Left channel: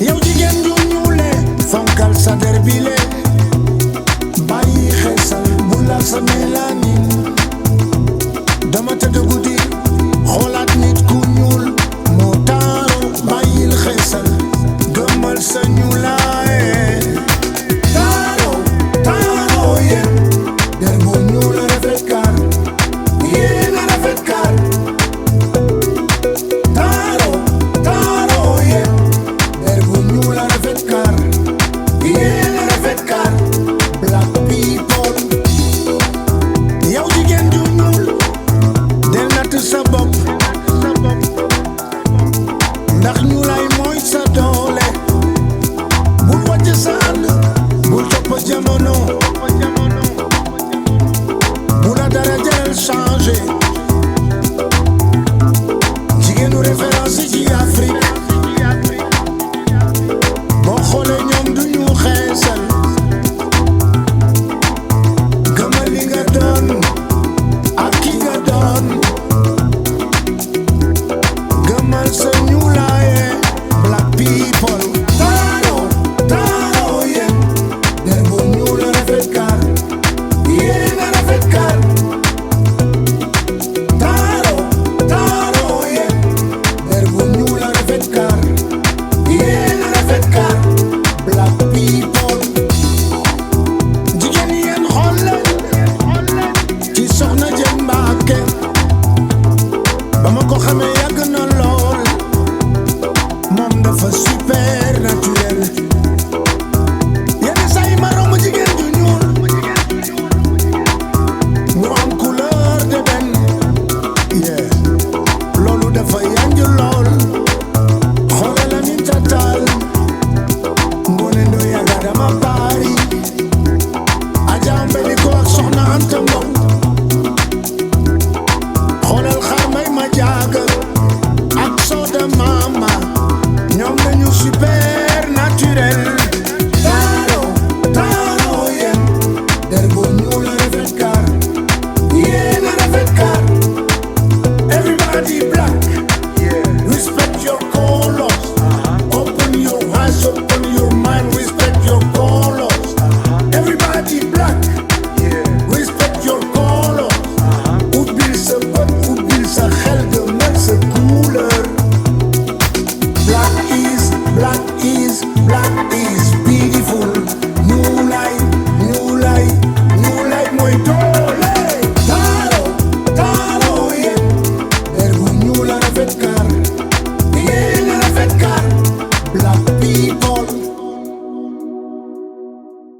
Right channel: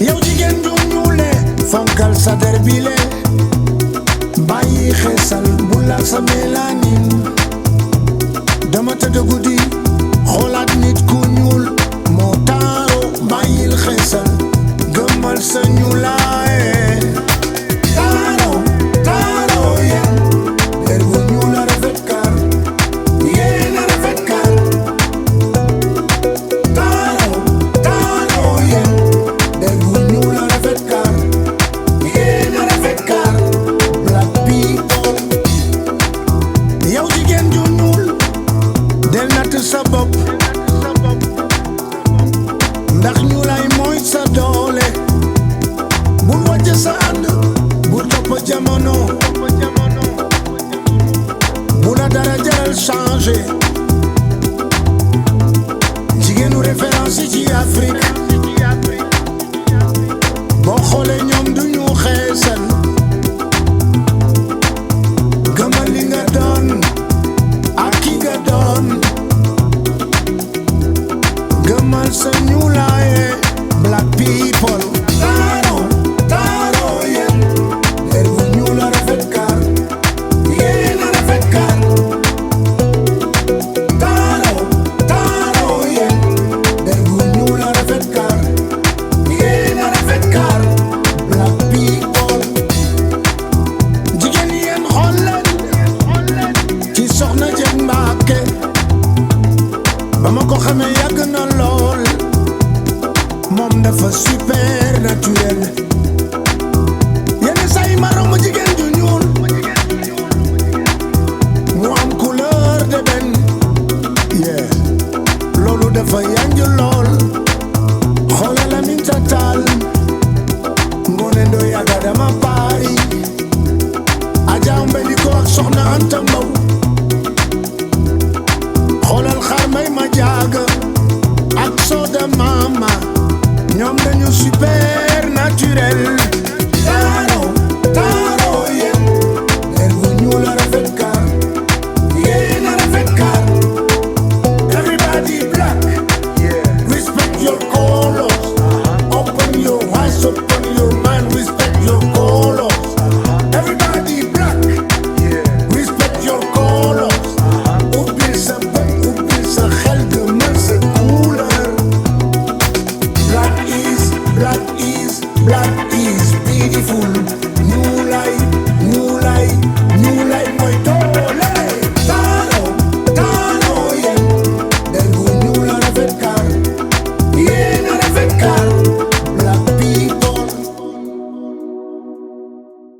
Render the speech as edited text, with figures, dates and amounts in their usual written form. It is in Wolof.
yow jigéen ju ñuule fonkal sa der bile bàyyi xeesal bu la sa mélanine dama tëdd guddi xoolaat nit ku ñuul moo taaru bàyyil xeesal gëmmal sa ñuulaaye yow jigéen ju ñuul del natt sa bopp ndax ñuulay mooy sa doole bul wàcc sa ànd bul topp jamono bu la dara jaral changé jigéenu référence ci Afrique boo xoolee ñoom du ñu xeesal gëmal li nga doon ak ki nga doon gëmal sa ñuulaaye black people soxna Jën Mbàkke ba ma ko xamee yàgg na lool moom dafa super naturel yenn saa yi ma romb jigéen ju ñuul mu am couleur d'ébène loolu dafa yanj lool xoolal Aminata Tall Ngoné Ndoye ak Adama Paari Adja Mbeliko ak Soxna Anta Mbow xoolal xar may ma jaaga ak Soda Mama ñoom dañu super naturel